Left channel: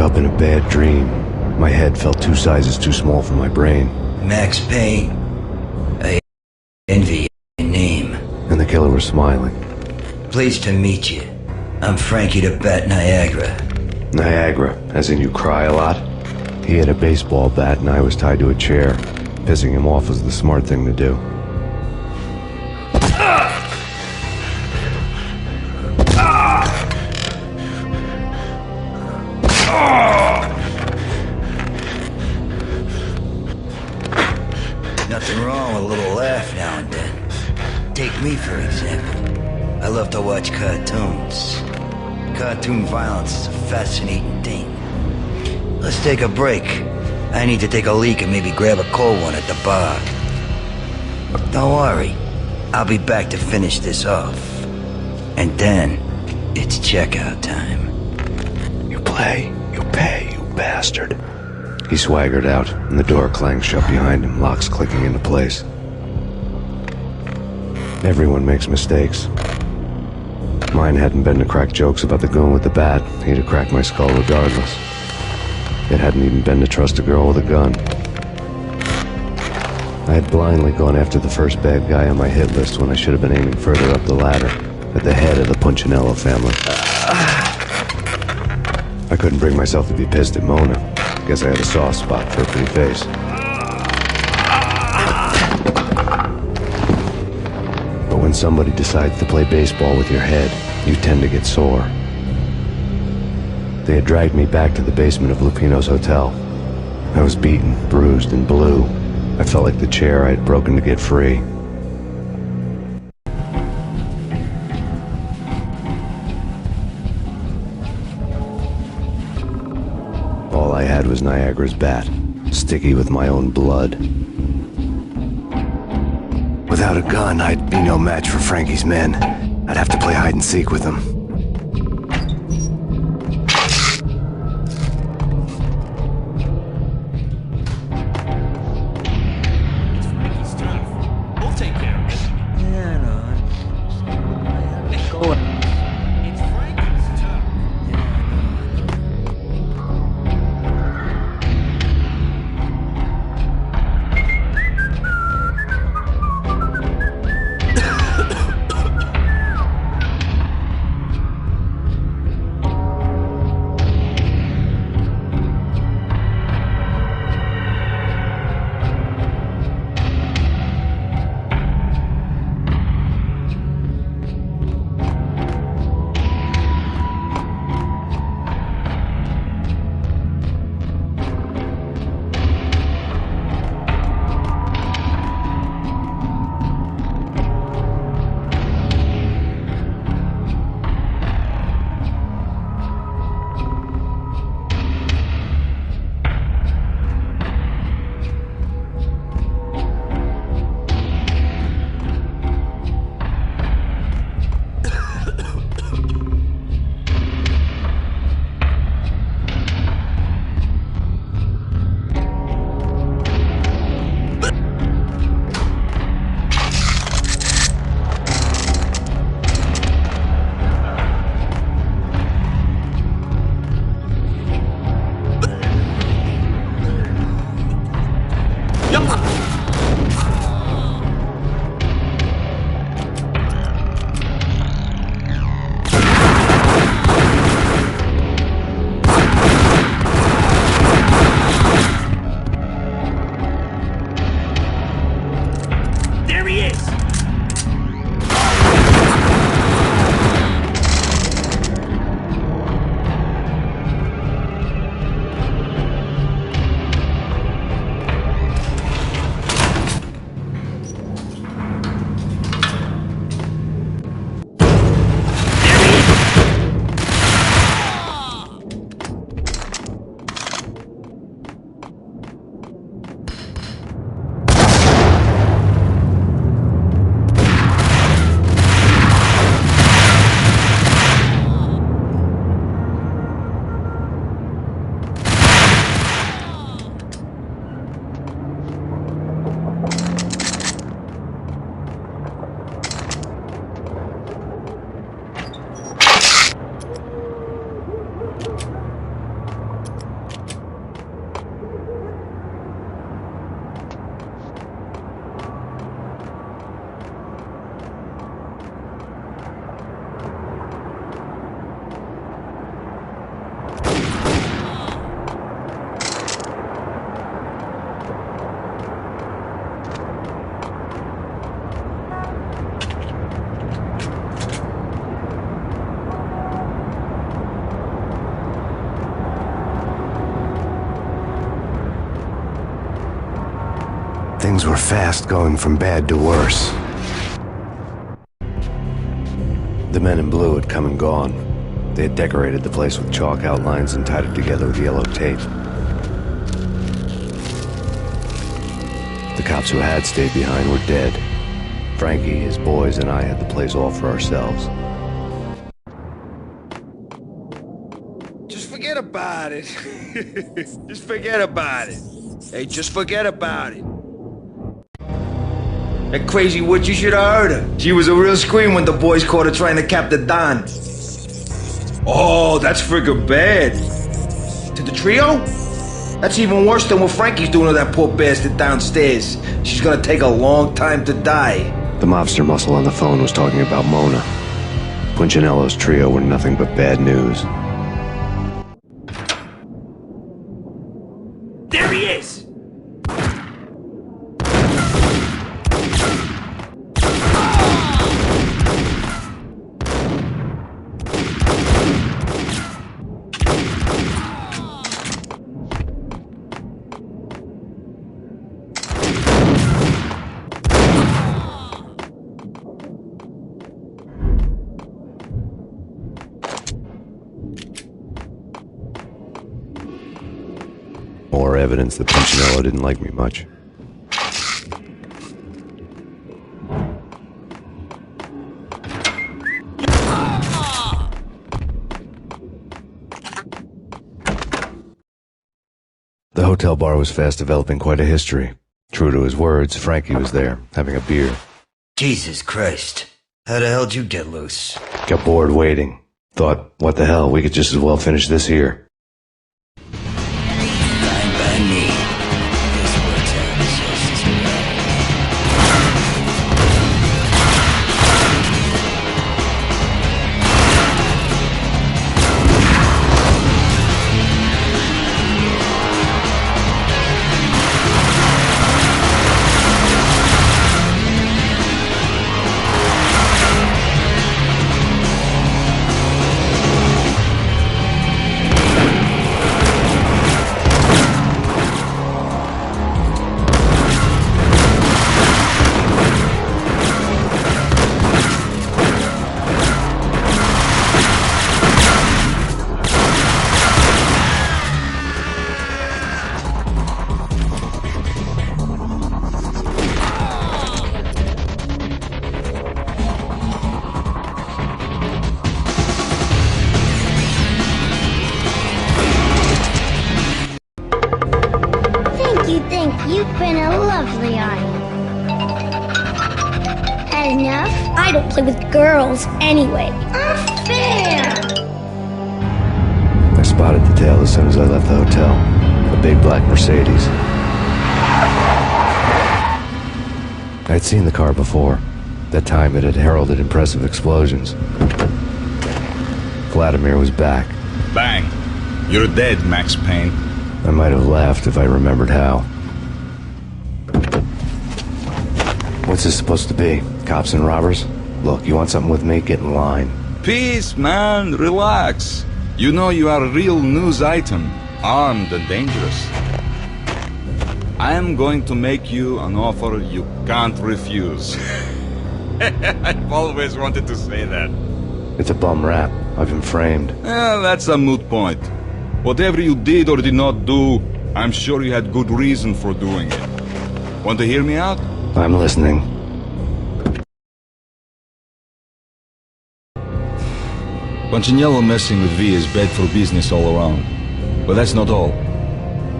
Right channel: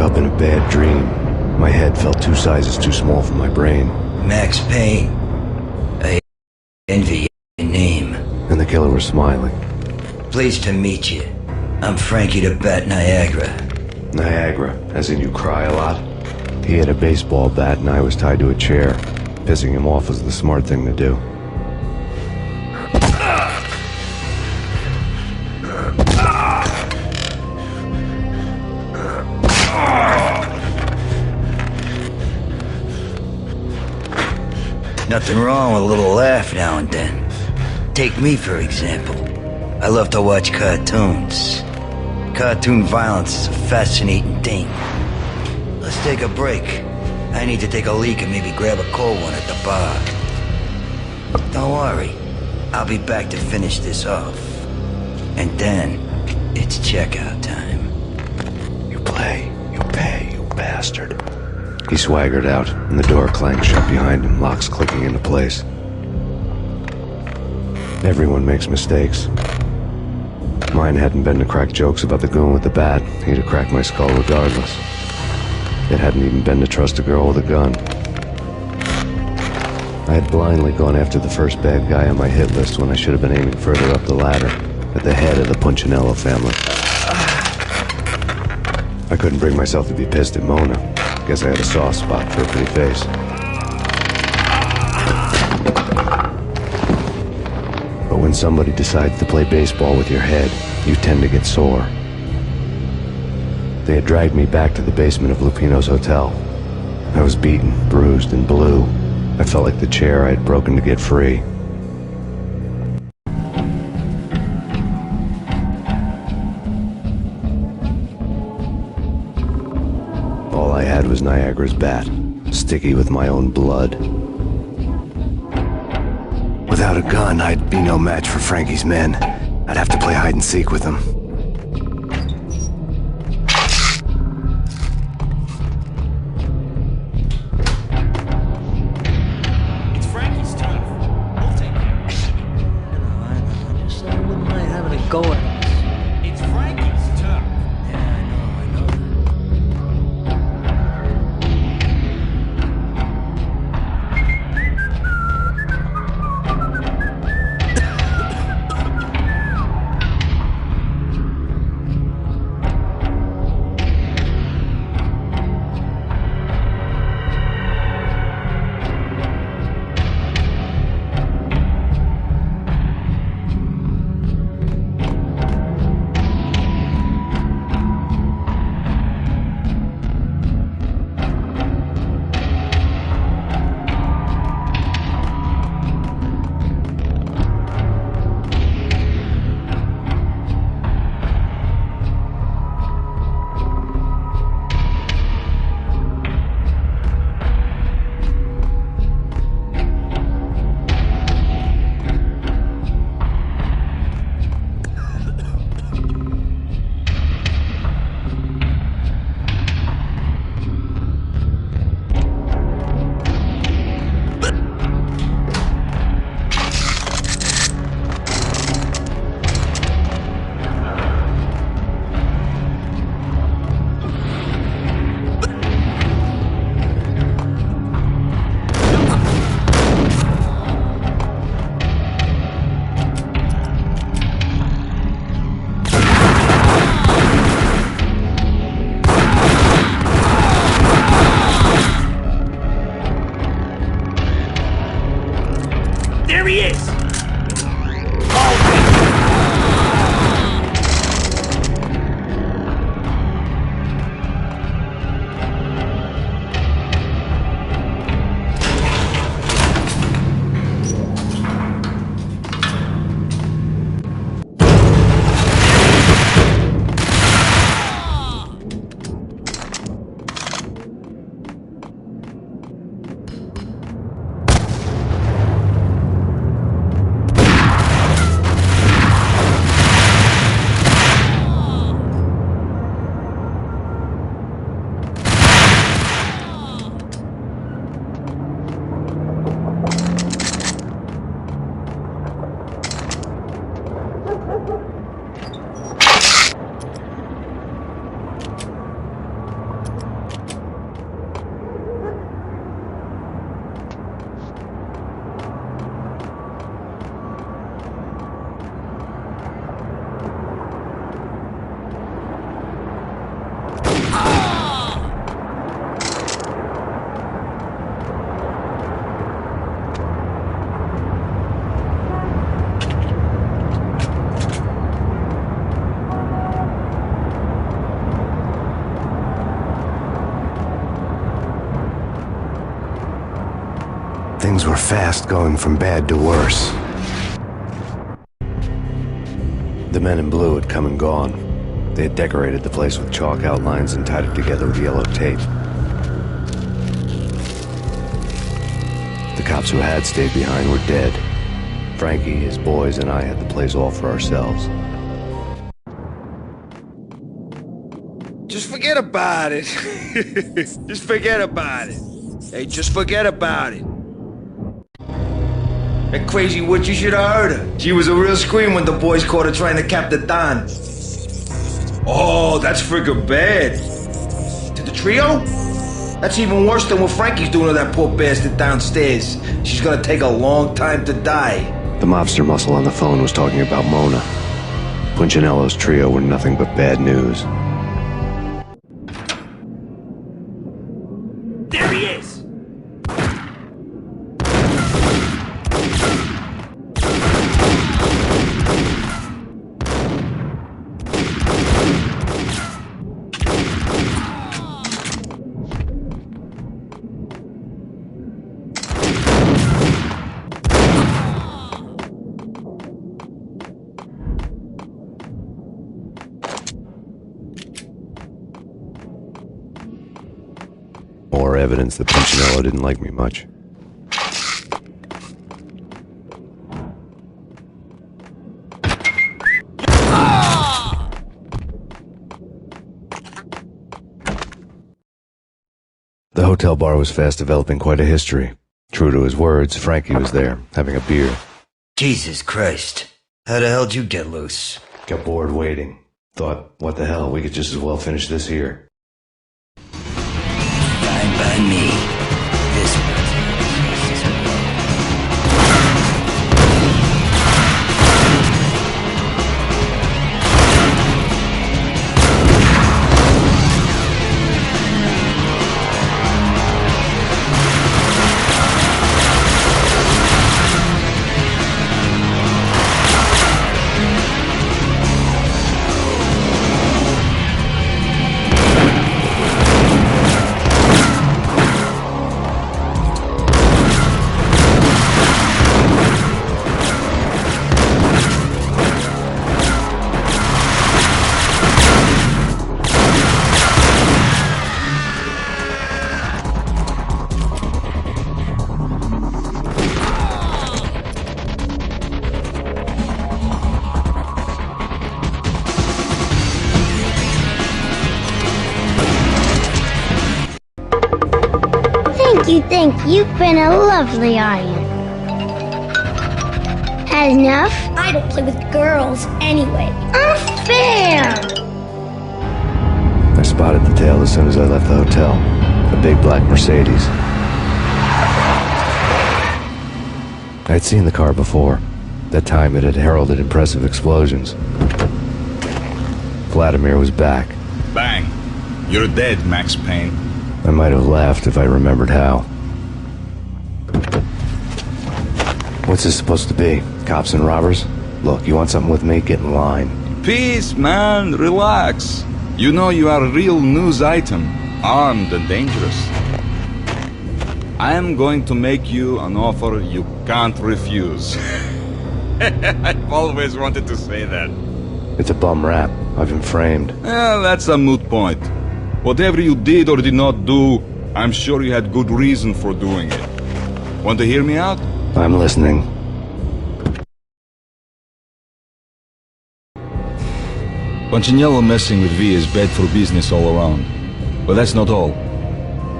up in a bad dream. My head felt 2 sizes too small for my brain. Max Payne. I envy your name. And the killer was smiling. Pleased to meet you. I'm Frankie the Bat Niagara. Niagara, as in you cry a lot? He had a baseball bat and I was tied to a chair. Pissing him off was the smart thing to do. Nothing wrong with a little laugh now and then. Take me, for example. I love to watch cartoons. Cartoon violence is a fascinating thing. Let's take a break. I need to take a leak and maybe grab a cold one at the bar. Don't worry. I'll be back to finish this off. And then, it's checkout time. You play, you pay, you bastard. He swaggered out, and the door clanged shut behind him, locks clicking into place. Everyone makes mistakes. Mine hadn't been to crack jokes about the goon with the bat. He'd have cracked my skull regardless. It hadn't even been to trust a girl with a gun. I had blindly gone after the first bad guy on my hit list when I should have been aiming further up the ladder, at the head of the Punchinello family. I couldn't bring myself to be pissed at Mona. Guess I had a soft spot for a pretty face. But when somebody decides to play baseball with your head, you tend to get sore. They had dragged me back to the basement of Lupino's hotel. I was beaten, bruised, and blue. I felt like the chair I had broken to get free. All I had was Niagara's bat, sticky with my own blood. Without a gun, I'd be no match for Frankie's men. I'd have to play hide and seek with them. It's Frankie's turf. We'll take care of it. Yeah, I know. Just I wouldn't mind having it go at us. It's Frankie's turf. Yeah, I know. Things were fast going from bad to worse. The men in blue had come and gone. They had decorated the place with chalk outlines and tied it together with yellow tape. The cops who had stayed behind were dead. Frankie, his boys, and I had the place all for ourselves. Just forget about it. Just forget about it. Hey, just forget about it. That crazy witch, you should have heard her. She was a real scream when the boys caught her trying to cap the Don. Oh, that's friggin' bad. To the trio? That's even worse than what Frankie's doing to that poor bastard downstairs. She's gonna take a long time to die. The mobster muscle on the phone was talking about Mona. Punchinello's trio were nothing but bad news. There he is! More evidence that Punchinello didn't like me much. The hotel bar was fast developing quite a history. True to his words, Frankie was there, having a beer. Jesus Christ. How the hell'd you get loose? Got bored waiting. Thought, what the hell, we could just as well finish this here. Fine by me. This works out just as well. Thank you. You've been a lovely audience. Had enough? I don't play with girls anyway. Unfair! I spotted the tail as soon as I left the hotel. A big black Mercedes. I'd seen the car before. That time it had heralded impressive explosions. Vladimir was back. Bang! You're dead, Max Payne. I might have laughed if I remembered how. What's this supposed to be? Cops and robbers? Look, you want something with me? Get in line. Peace, man. Relax. You know you are a real news item. Armed and dangerous. I am going to make you an offer you can't refuse. I've always wanted to say that. It's a bum rap. I've been framed. Well, that's a moot point. Whatever you did or did not do, I'm sure you had good reason for doing it. Want to hear me out? I'm listening. Punchinello messing with V is bad for business all around. But that's not all.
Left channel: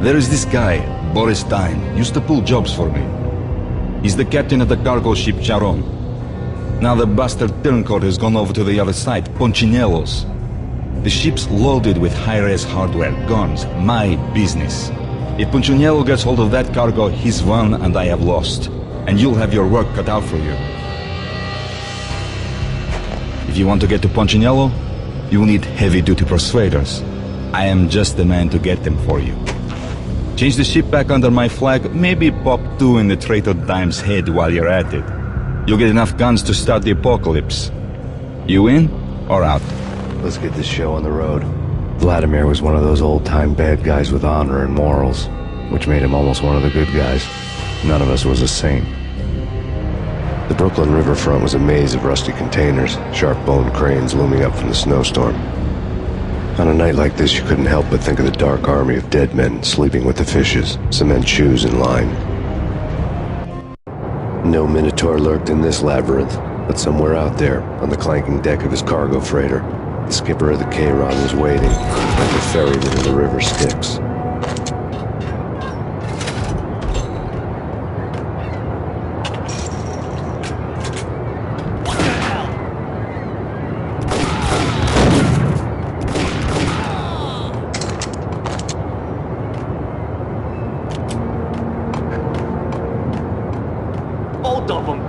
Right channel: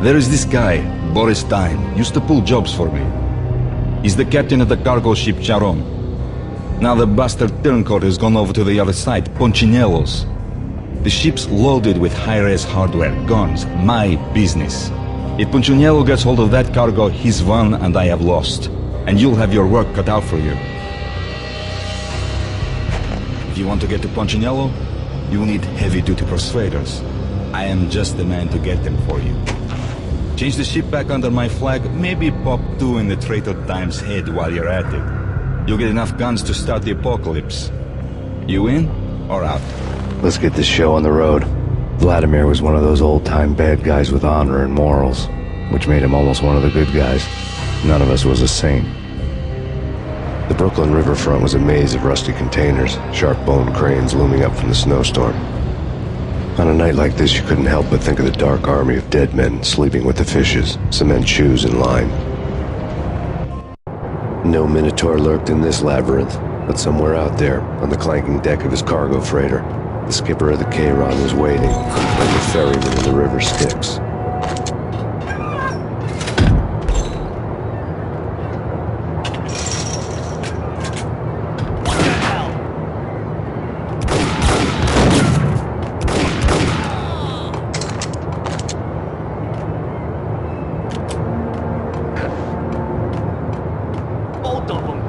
There is this guy, Boris Stein, used to pull jobs for me. He's the captain of the cargo ship Charon. Now the bastard turncoat has gone over to the other side, Punchinello's. The ship's loaded with high-res hardware, guns, my business. If Punchinello gets hold of that cargo, he's won and I have lost. And you'll have your work cut out for you. If you want to get to Punchinello, you will need heavy-duty persuaders. I am just the man to get them for you. Change the ship back under my flag, maybe pop 2 in the traitor Dime's head while you're at it. You'll get enough guns to start the apocalypse. You in or out? Let's get this show on the road. Vladimir was one of those old-time bad guys with honor and morals, which made him almost one of the good guys. none of us was a saint. The Brooklyn riverfront was a maze of rusty containers, sharp-boned cranes looming up from the snowstorm. On a night like this, you couldn't help but think of the dark army of dead men sleeping with the fishes, cement shoes in line. No minotaur lurked in this labyrinth, but somewhere out there, on the clanking deck of his cargo freighter, the skipper of the K-Ron was waiting, like the ferryman in the river Styx. Both of them.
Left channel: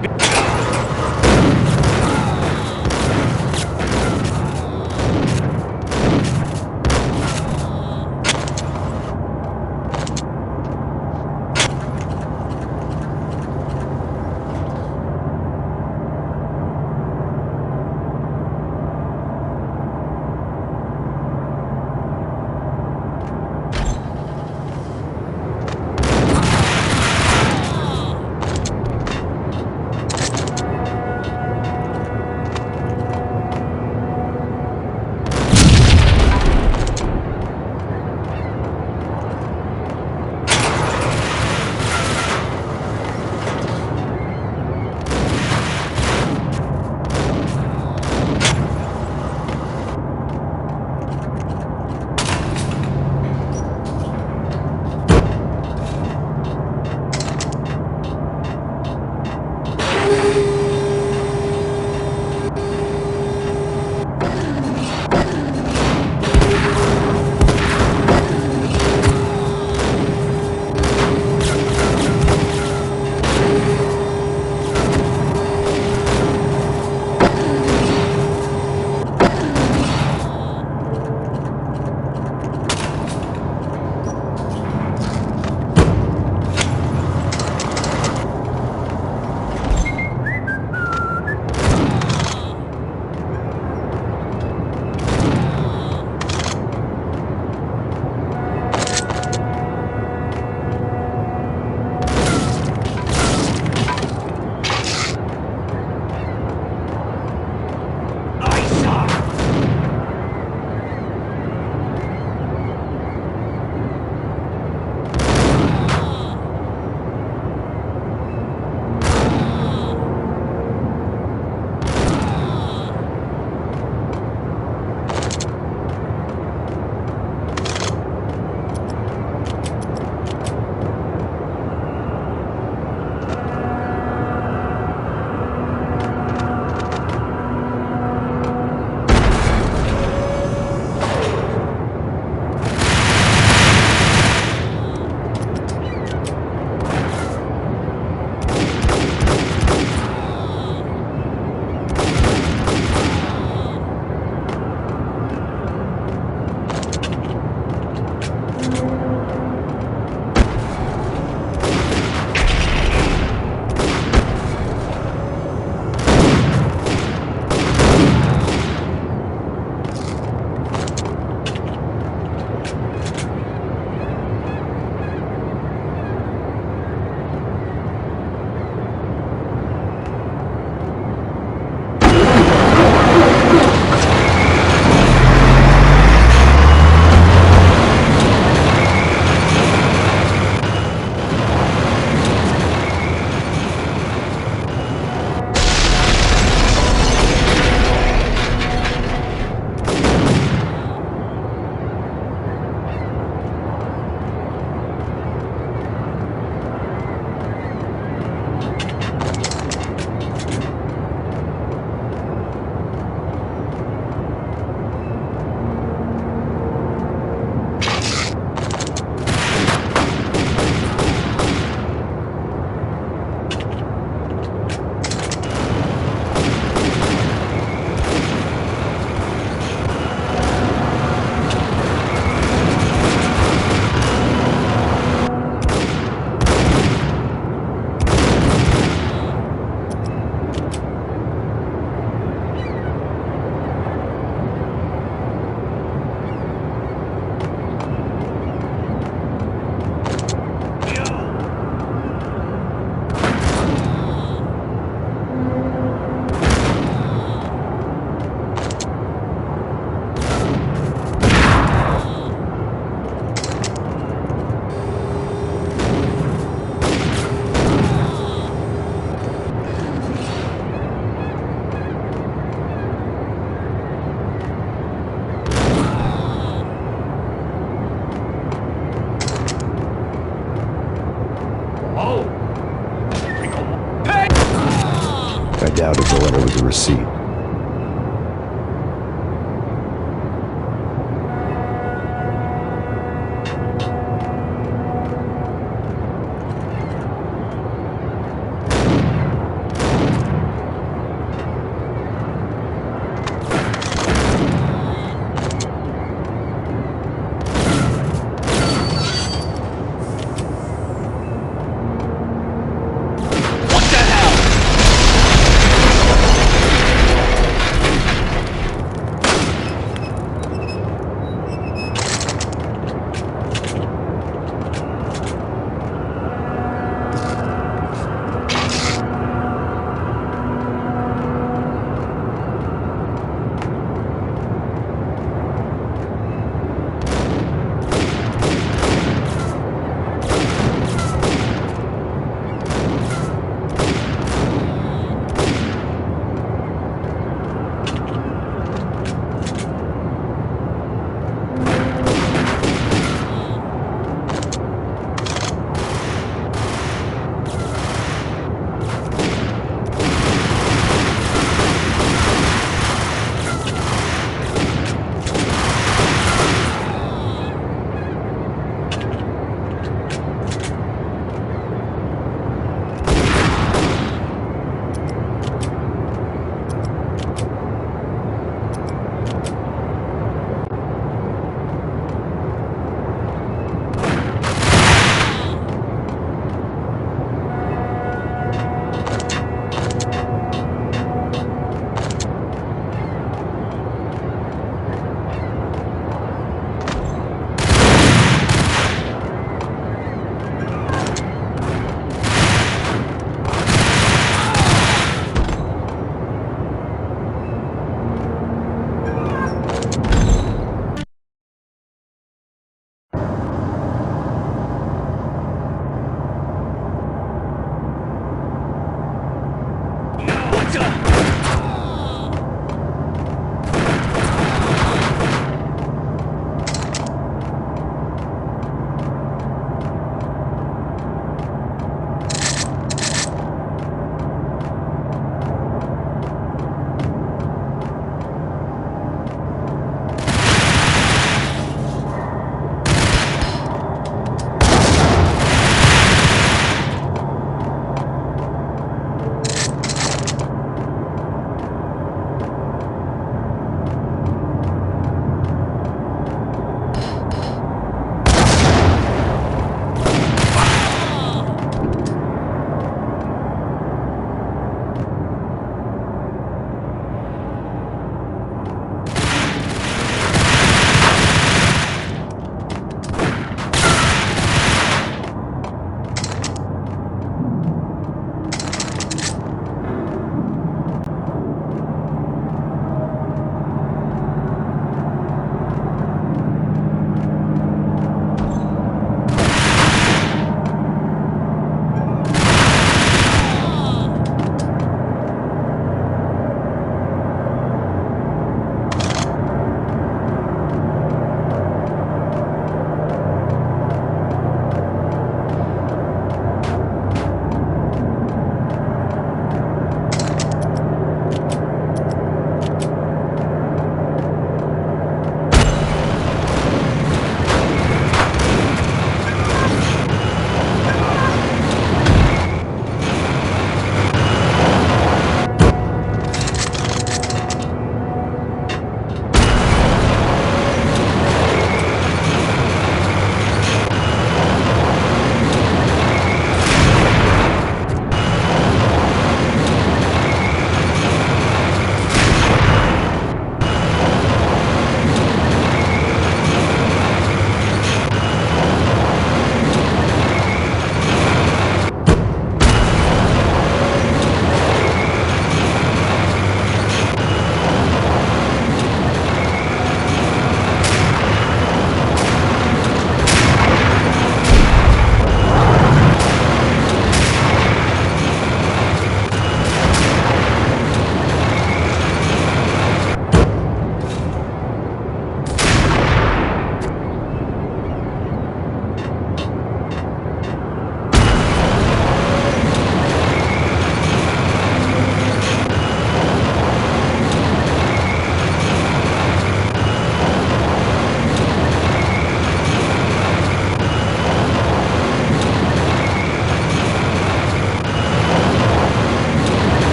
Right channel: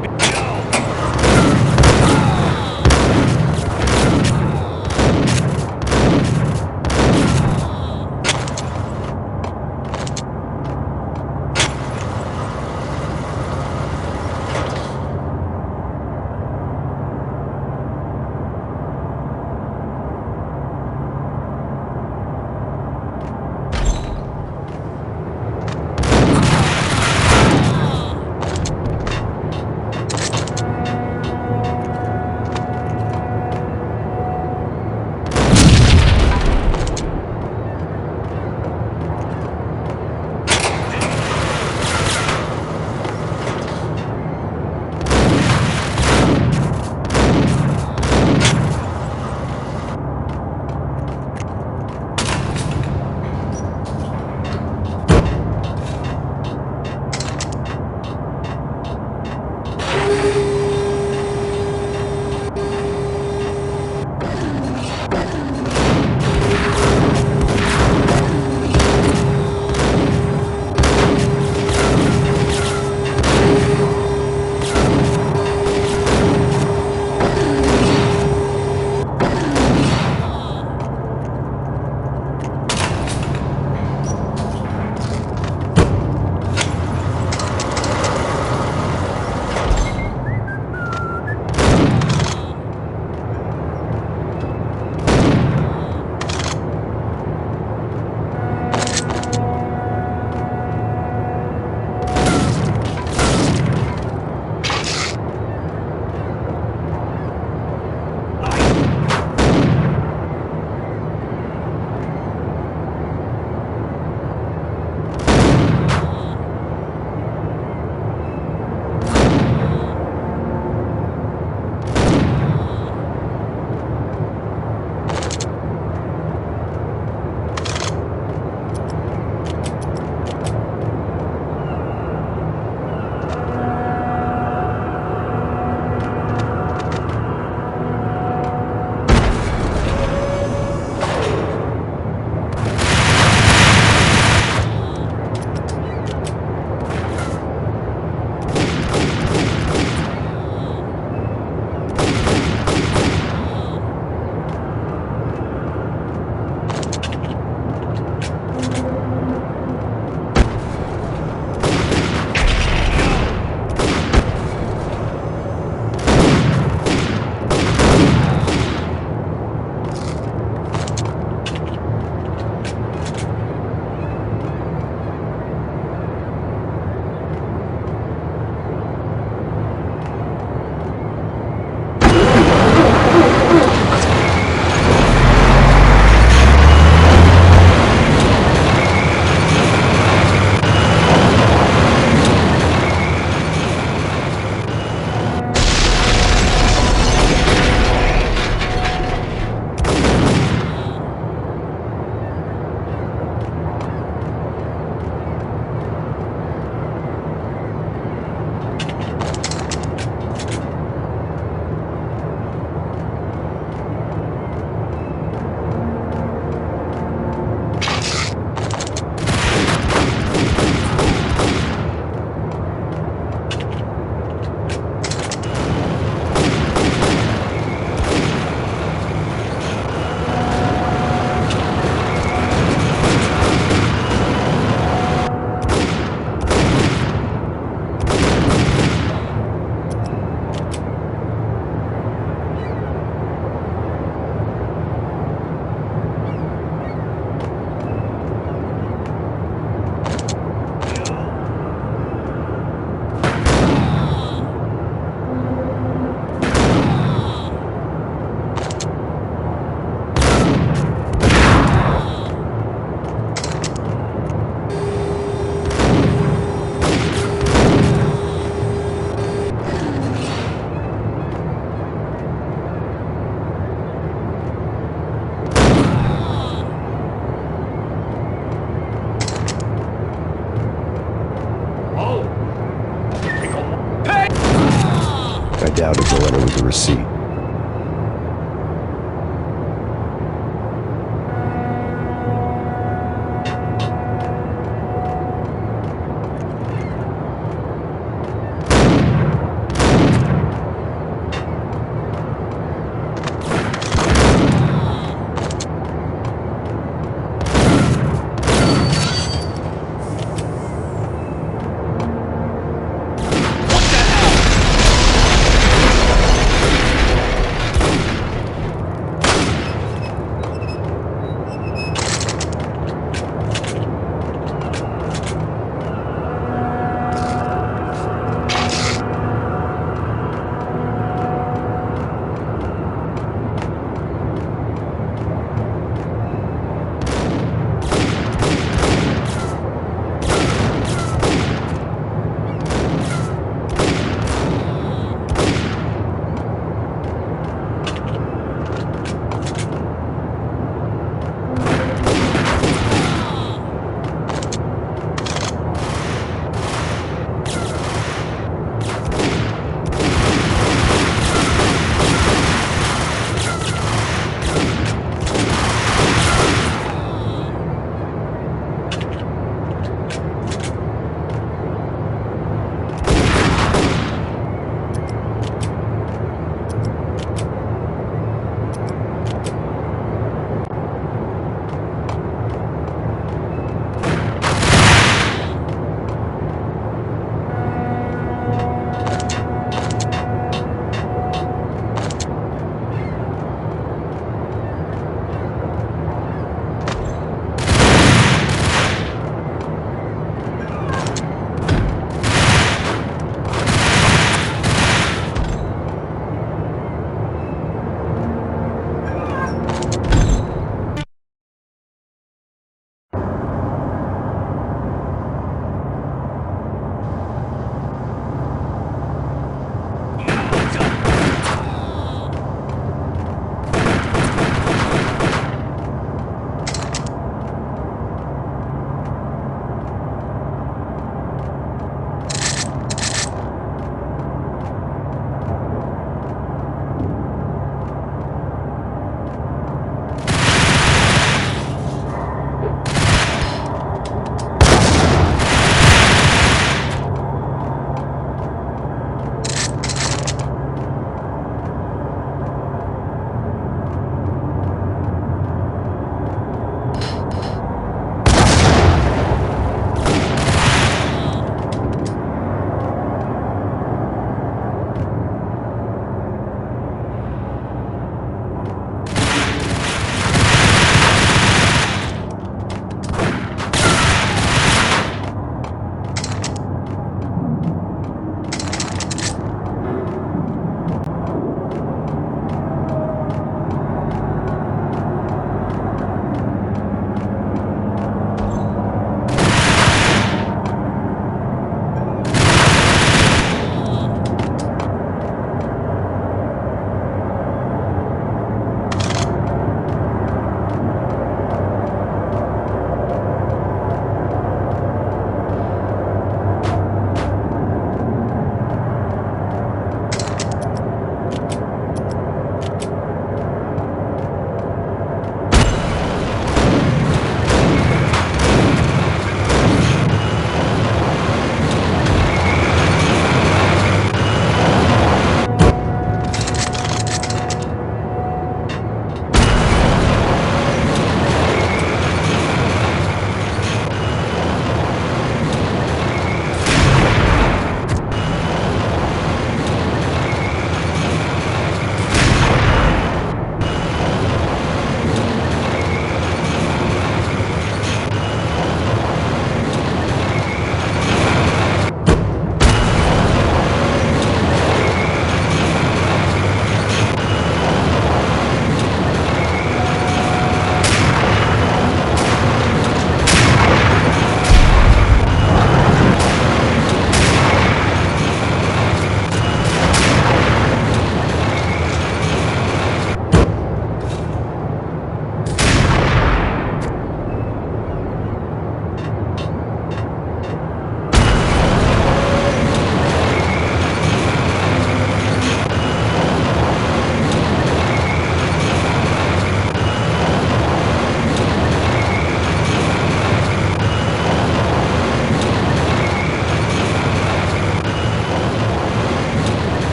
with a receipt.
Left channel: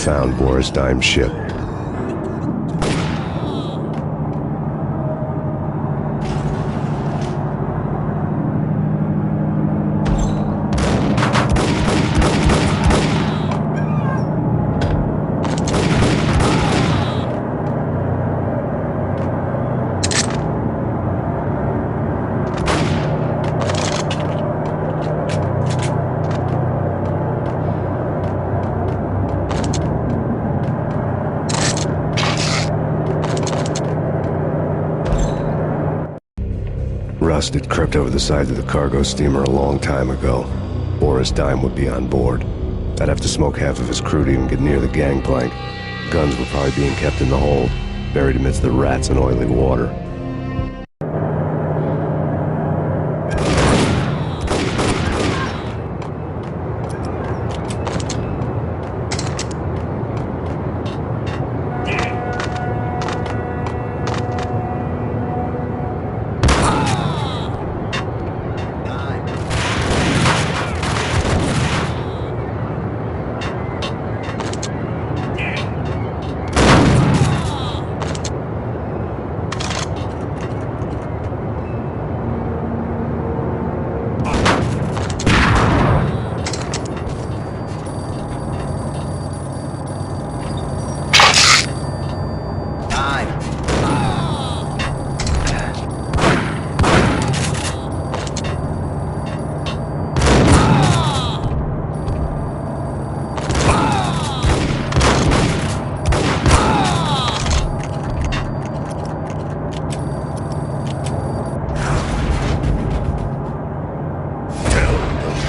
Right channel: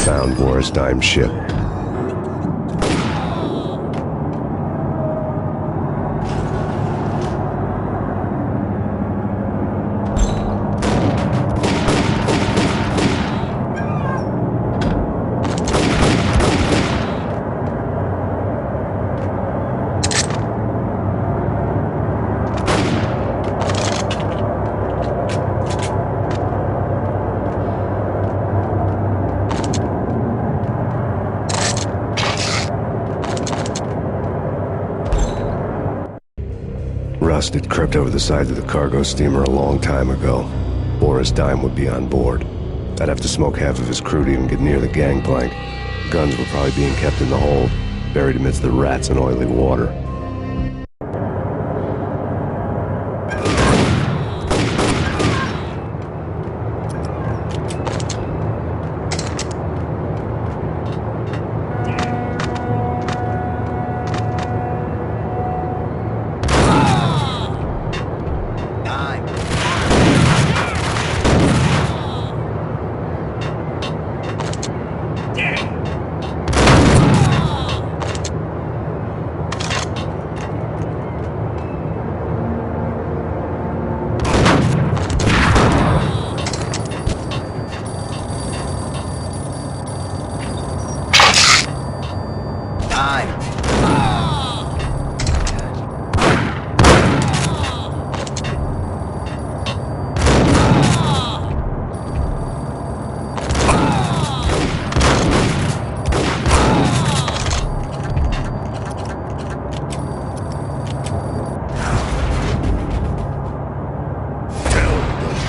found Boris Dime's ship. Rust had crept over the sides of the cargo steamer a long time ago. Boris Dime would be on board. I'd have to smoke half of his crew to even get near the gangplank. Guns were probably being kept in the hold, buried amidst the rats and oily water.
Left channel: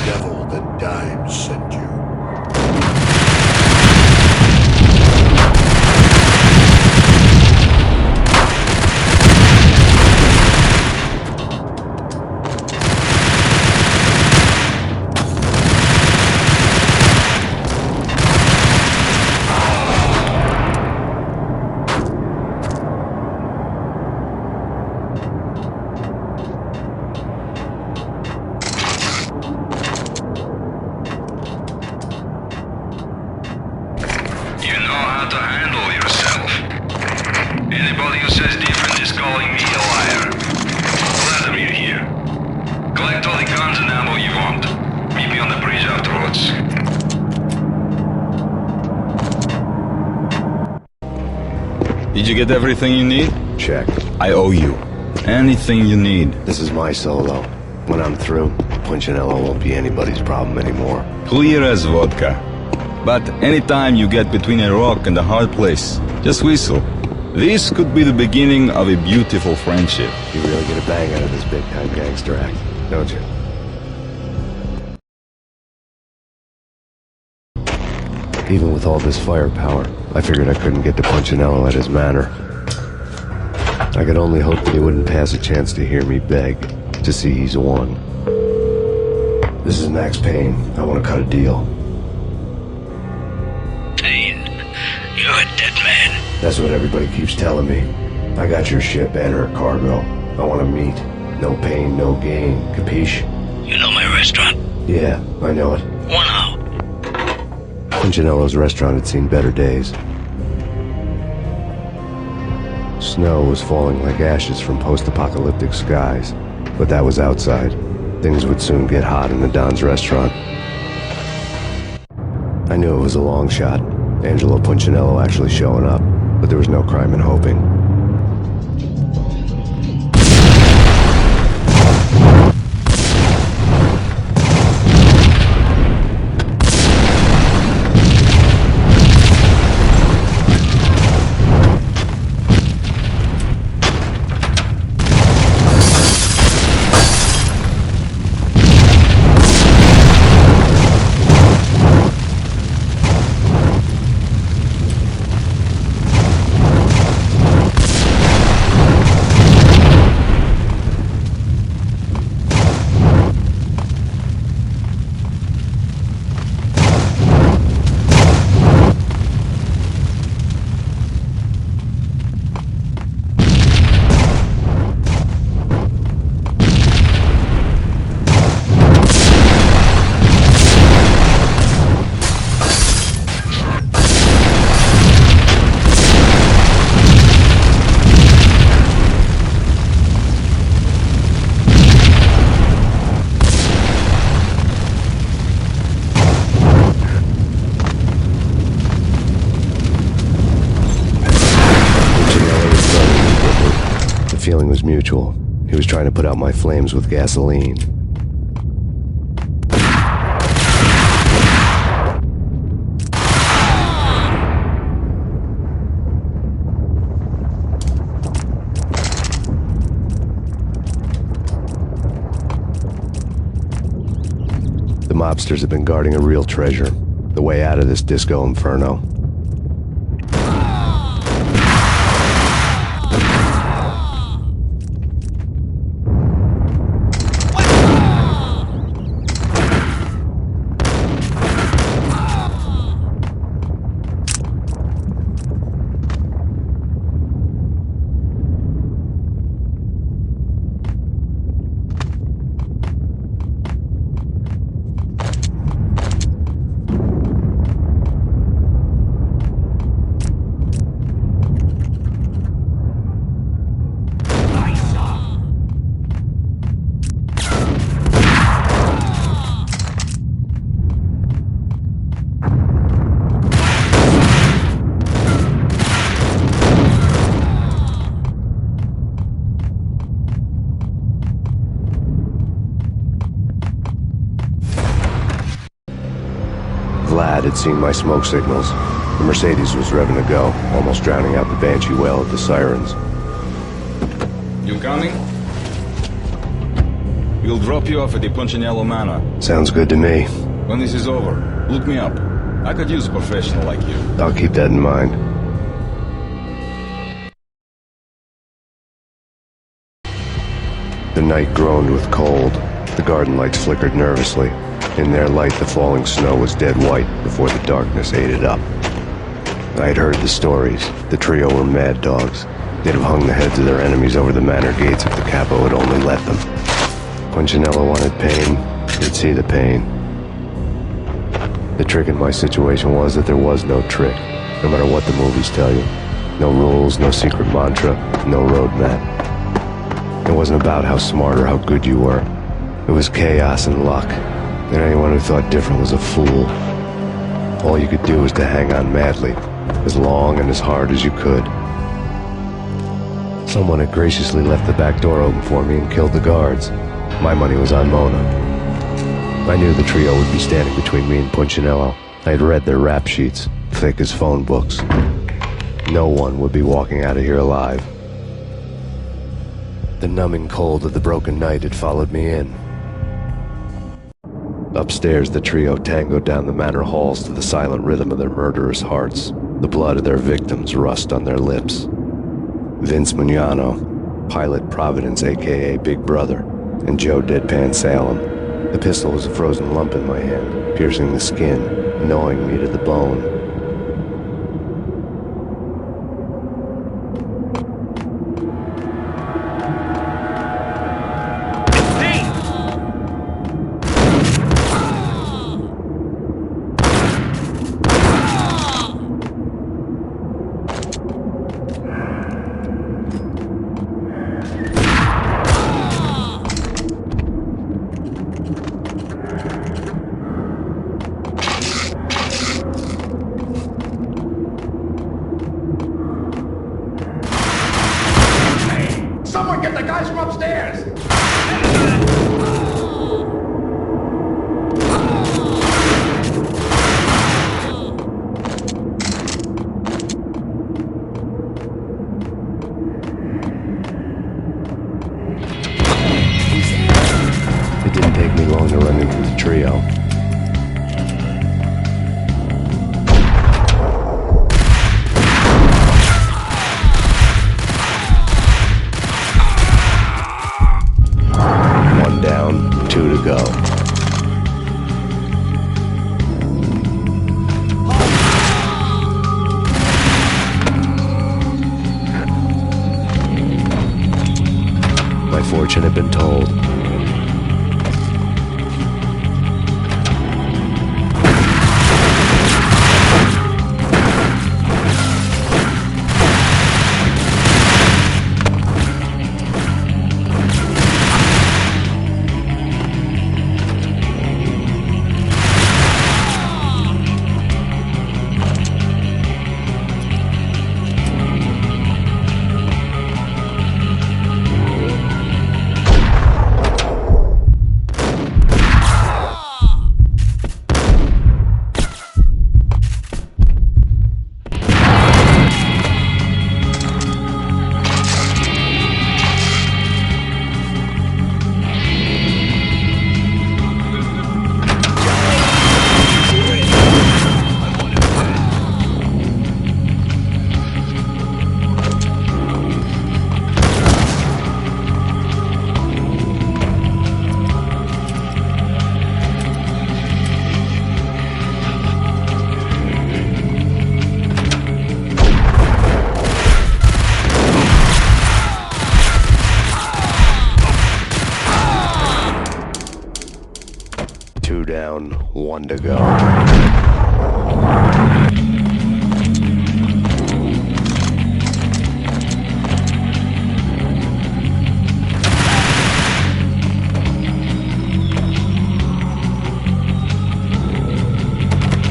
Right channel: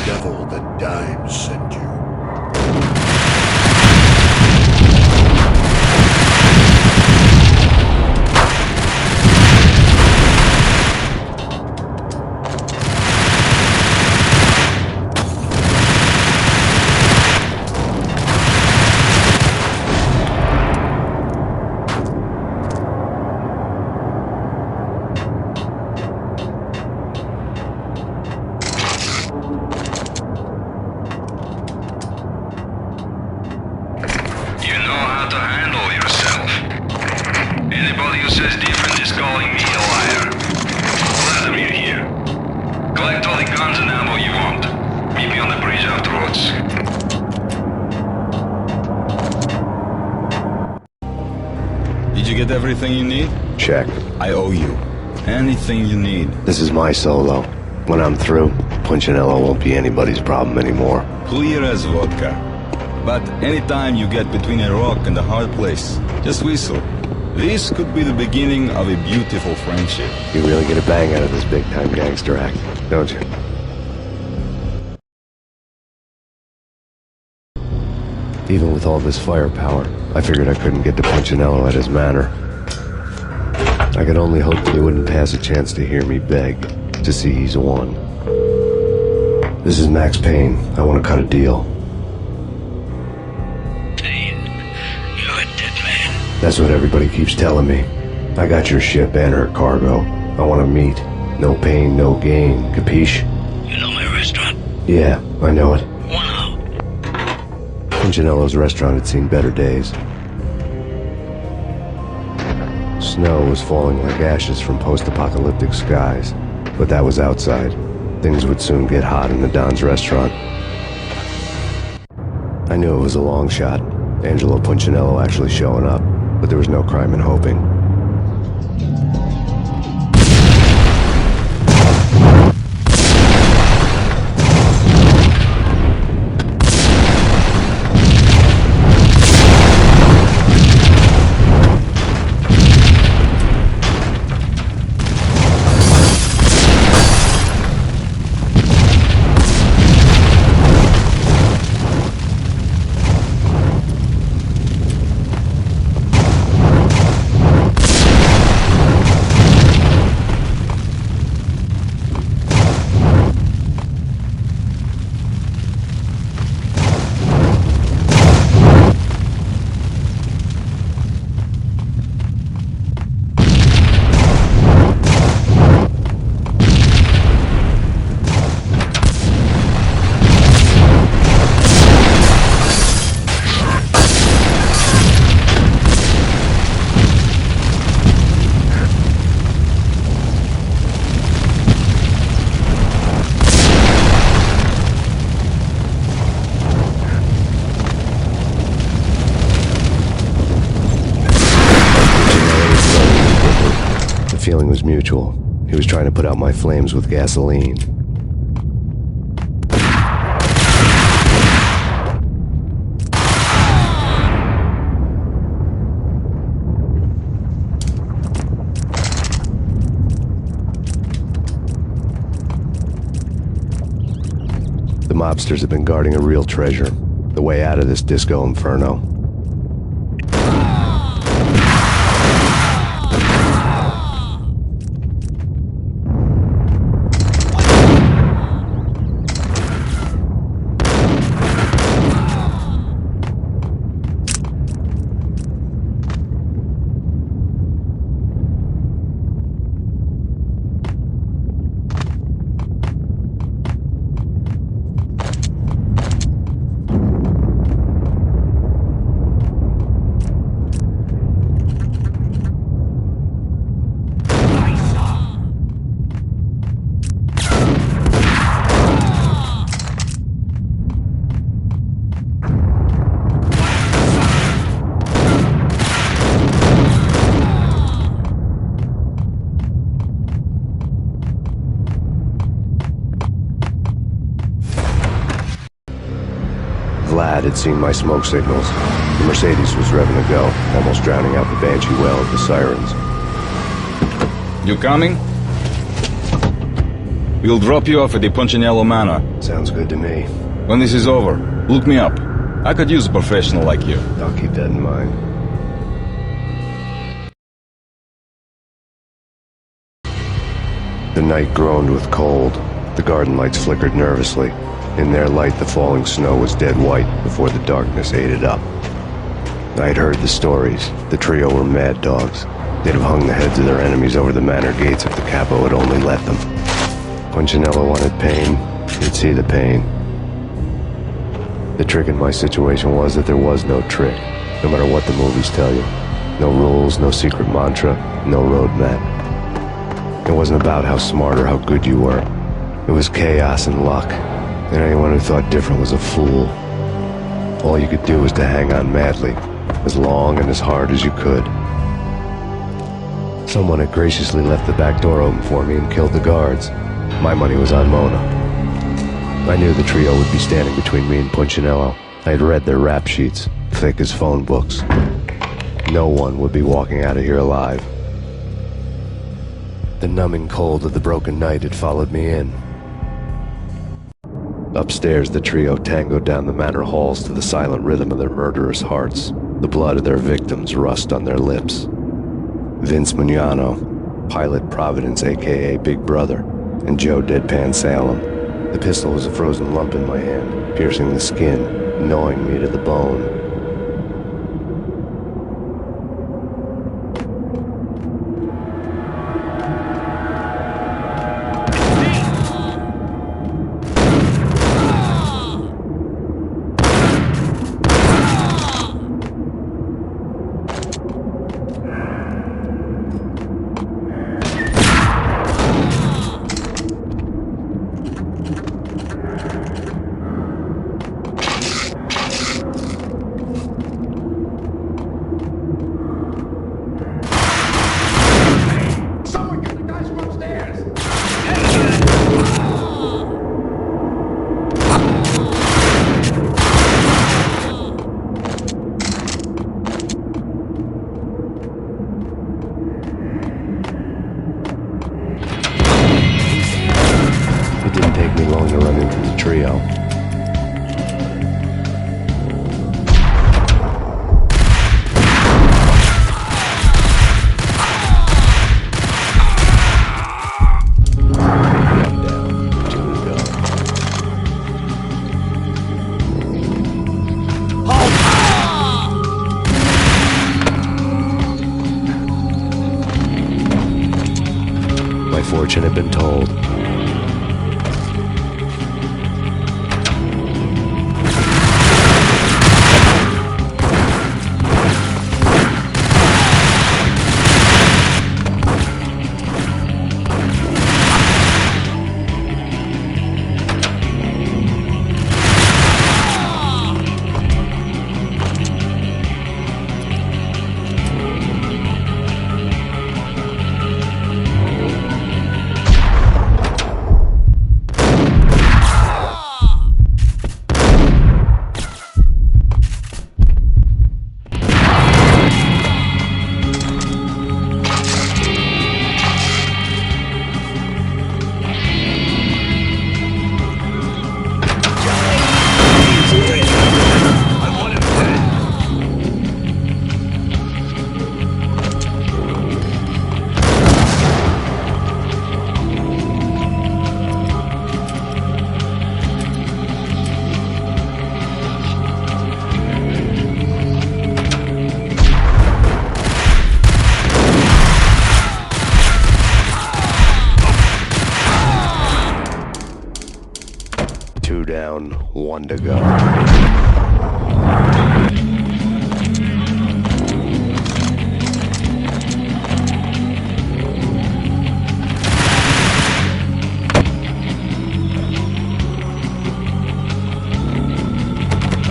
Devil that Dime sent you. You know how to handle yourself. Anybody who says different is calling me a liar. Vladimir here. Collect all the guns and ammo you want. Meet me on the bridge afterwards. Did you get everything you need? Check. I owe you. Anything you need. This is my solo. When I'm through, Punchinello won't be anybody's problem anymore. Clear as vodka. But anytime you get between a rock and a hard place, just whistle. This could be the beginning of a beautiful friendship. You really get a bang out of this big-time gangster act, don't you? Even with all this firepower, I figured I couldn't get to Punchinello at his manor. I could only hope that he wouldn't pass a chance to hear me beg, to see he's won. This is Max Payne. I want to cut a deal. Payne, you're a dead man. That's what everybody keeps telling me. I got your ship and her cargo. I want to meet. No pain, no gain. Capiche? You know my restaurant? Yeah, I know it. One out. Punchinello's restaurant had seen better days. Snow was falling like ashes from post-apocalyptic skies, but that was outside. Things would soon get hot in the Don's restaurant. I knew it was a long shot, Angelo Punchinello actually showing up, but there was no crime in hoping. feeling was mutual. He was trying to put out my flames with gasoline. The mobsters have been guarding a real treasure, the way out of this disco inferno. Vlad had seen my smoke signals. The Mercedes was revving to go, almost drowning out the banshee wail of the sirens. You coming? We'll drop you off at the Punchinello Manor. Sounds good to me. When this is over, look me up. I could use a professional like you. I'll keep that in mind. The night groaned with cold. The garden lights flickered nervously. In their light, the falling snow was dead white before the darkness ate it up. I'd heard the stories. The trio were mad dogs. They'd have hung the heads of their enemies over the manor gates if the capo had only let them. Punchinello wanted Payne. He'd see the pain. The trick in my situation was that there was no trick, no matter what the movies tell you. No rules, no secret mantra, no roadmap. It wasn't about how smart or how good you were. It was chaos and luck. And anyone who thought different was a fool. All you could do was to hang on madly, as long and as hard as you could. Someone had graciously left the back door open for me and killed the guards. My money was on Mona. I knew the trio would be standing between me and Punchinello. I had read their rap sheets, thick as phone books. No one would be walking out of here alive. The numbing cold of the broken night had followed me in. Upstairs, the trio tangoed down the manor halls to the silent rhythm of their murderous hearts. The blood of their victims rust on their lips. Vince Mugnano, Pilot Providence aka Big Brother, and Joe Deadpan Salem. The pistol was a frozen lump in my hand, piercing the skin, gnawing me to the bone. Someone get the guys from upstairs! It didn't take me long to run into the trio. One down, two to go. My fortune had been told. 2 down, 1 to go.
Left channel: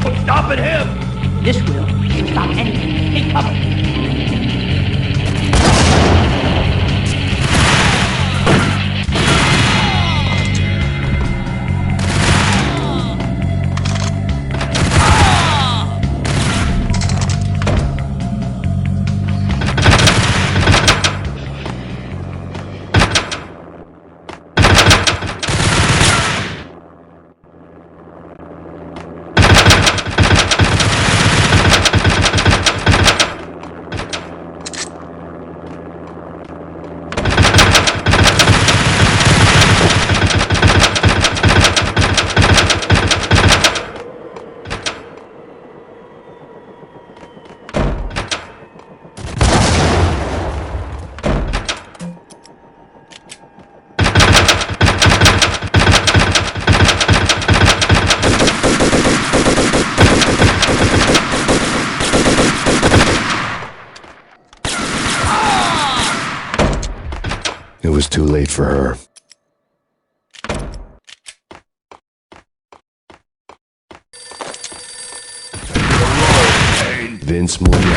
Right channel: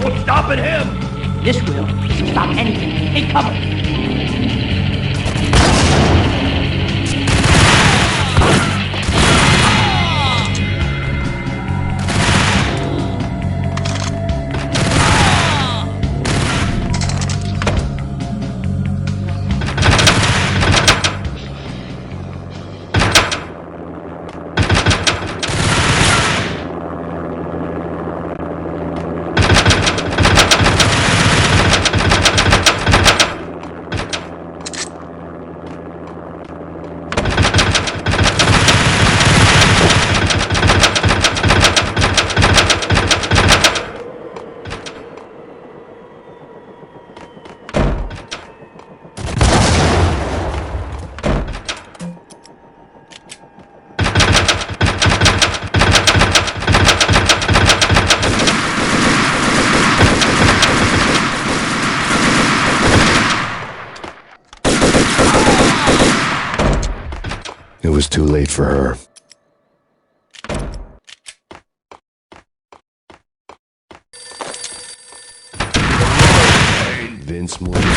What's stopping him? This will stop anything. Take cover. It was too late for her. Vince Moriarty.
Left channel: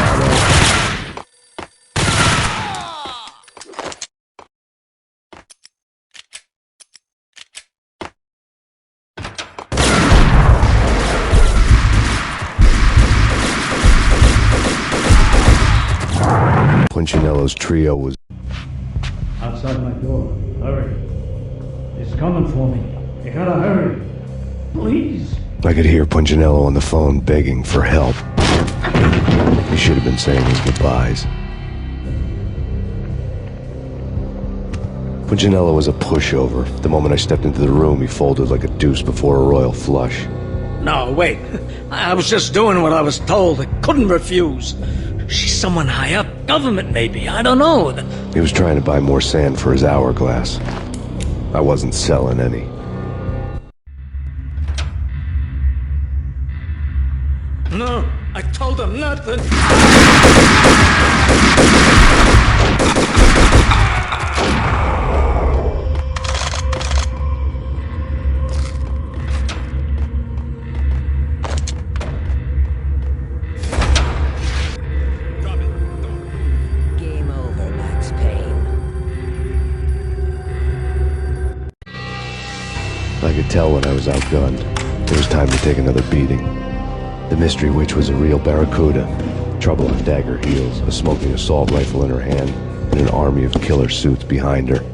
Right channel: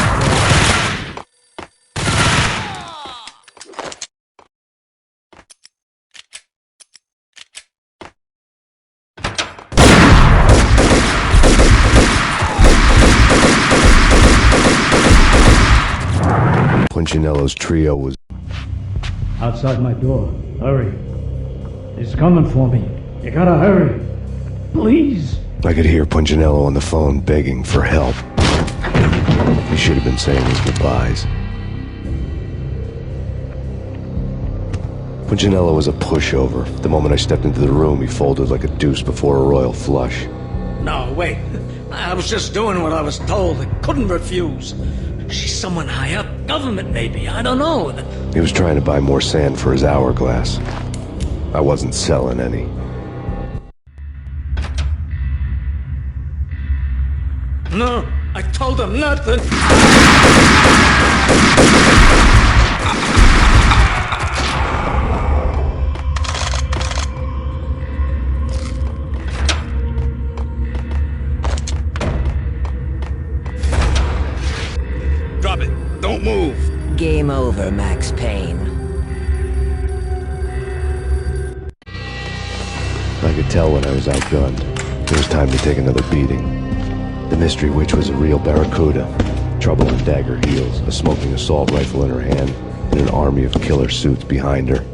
Punchinello's trio was Outside my door. Hurry. He's coming for me. You gotta hurry. Please. I could hear Punchinello on the phone begging for help. He should have been saying his goodbyes. Punchinello was a pushover. The moment I stepped into the room, he folded like a deuce before a royal flush. No, wait. I was just doing what I was told. I couldn't refuse. She's someone high up. Government, maybe. I don't know. He was trying to buy more sand for his hourglass. I wasn't selling any. No, I told him nothing. Drop it. Don't move. Game over, Max Payne. I could tell when I was outgunned. It was time to take another beating. The mystery witch was a real barracuda. Trouble on dagger heels, a smoking assault rifle in her hand, and an army of killer suits behind her.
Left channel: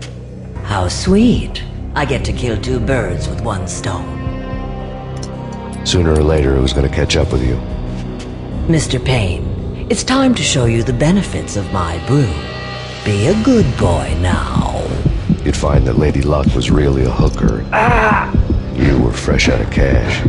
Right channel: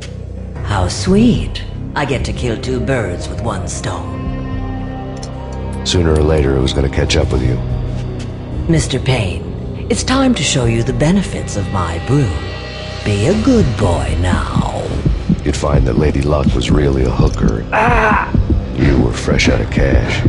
How sweet. I get to kill 2 birds with 1 stone. Sooner or later, it was going to catch up with you. Mr. Payne, it's time to show you the benefits of my brew. Be a good boy now. You'd find that Lady Luck was really a hooker. You were fresh out of cash.